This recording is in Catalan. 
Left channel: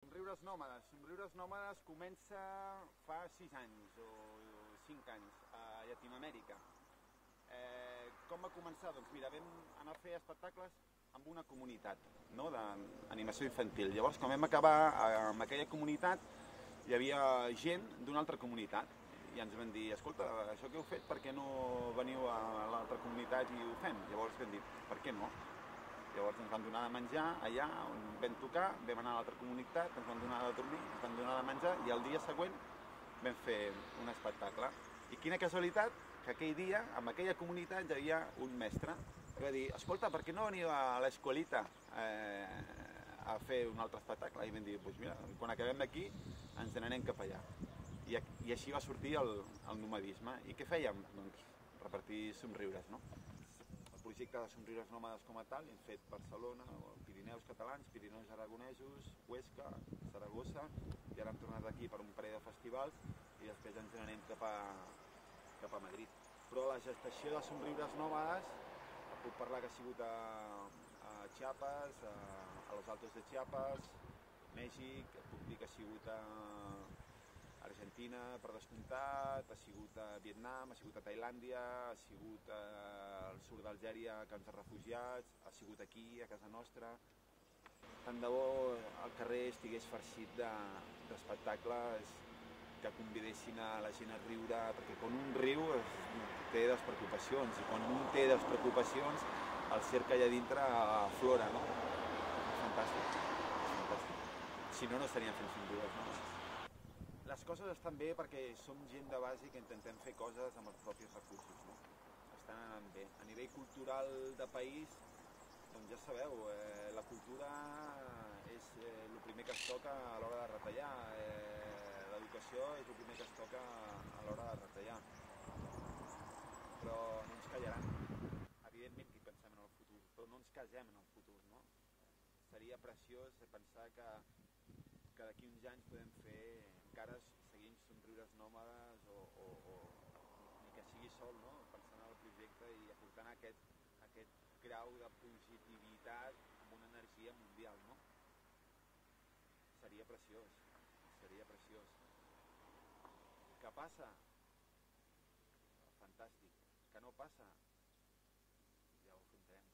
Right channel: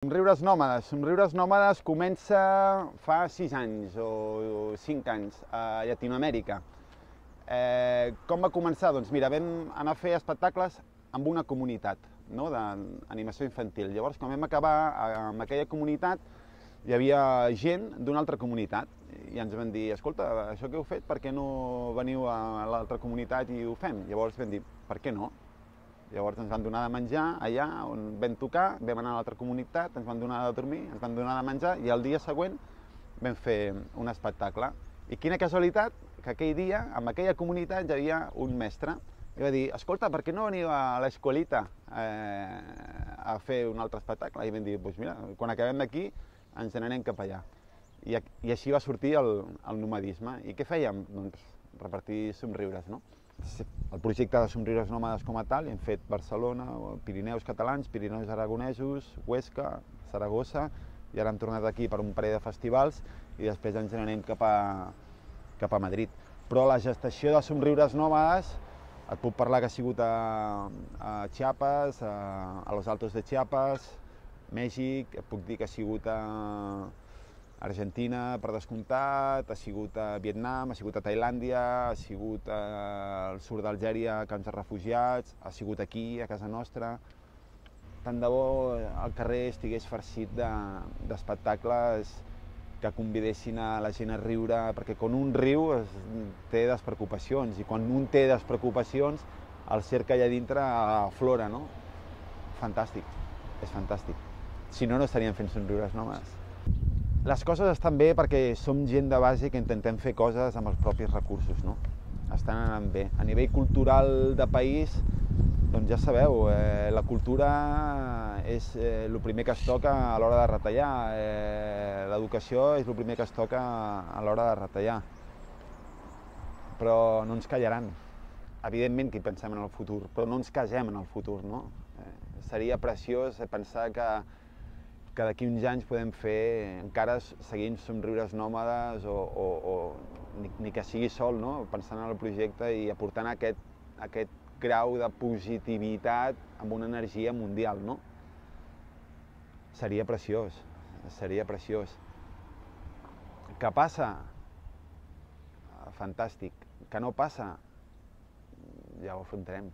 Somriures Nòmades comença fa 6 anys o 5 anys a Llatinoamèrica. Com va començar? Doncs mira, vam anar a fer espectacles amb una comunitat, no?, d'animació infantil. Llavors, quan vam acabar amb aquella comunitat, hi havia gent d'una altra comunitat i ens van dir: escolta, això que heu fet, per què no veniu a l'altra comunitat i ho fem? Llavors vam dir: per què no? Llavors ens van donar de menjar allà on vam tocar, vam anar a l'altra comunitat, ens van donar de dormir, ens van donar de menjar i el dia següent vam fer un espectacle. I quina casualitat que aquell dia, en aquella comunitat, hi havia un mestre i va dir: escolta, per què no veniu a l'escolita a fer un altre espectacle? I vam dir: doncs mira, quan acabem d'aquí ens n'anem cap allà. I així va sortir el nomadisme. I què fèiem? Doncs repartir somriures, no? El projecte de Somriures Nòmades com a tal, hem fet Barcelona, Pirineus catalans, Pirineus aragonesos, Huesca, Saragossa, i ara hem tornat aquí per un parell de festivals i després ens n'anem cap a Madrid. Però la gestació de Somriures Nòmades, et puc parlar que ha sigut a Chiapas, a Los Altos de Chiapas, Mèxic, et puc dir que ha sigut a Argentina, per descomptat, ha sigut a Vietnam, ha sigut a Tailàndia, ha sigut al sud d'Algèria, camps de refugiats, ha sigut aquí, a casa nostra. Tant de bo el carrer estigués farcit d'espectacles que convidessin a la gent a riure, perquè quan un riu té despreocupacions, i quan un té despreocupacions el ser que hi ha dintre aflora, no? Fantàstic, és fantàstic. Si no, no estaríem fent Somriures Nòmades. Les coses estan bé perquè som gent de base que intentem fer coses amb els propis recursos, no? Estan anant bé. A nivell cultural de país, doncs ja sabeu, la cultura és el primer que es toca a l'hora de retallar, l'educació és el primer que es toca a l'hora de retallar. Però no ens callaran. Evidentment que hi pensem en el futur, però no ens casem en el futur, no? Seria preciós pensar que d'aquí uns anys podem fer encara seguint Somriures Nòmades o ni que sigui sol, no? Pensant en el projecte i aportant aquest grau de positivitat amb una energia mundial, no? Seria preciós, seria preciós. Que passa? Fantàstic. Que no passa? Ja ho afrontarem.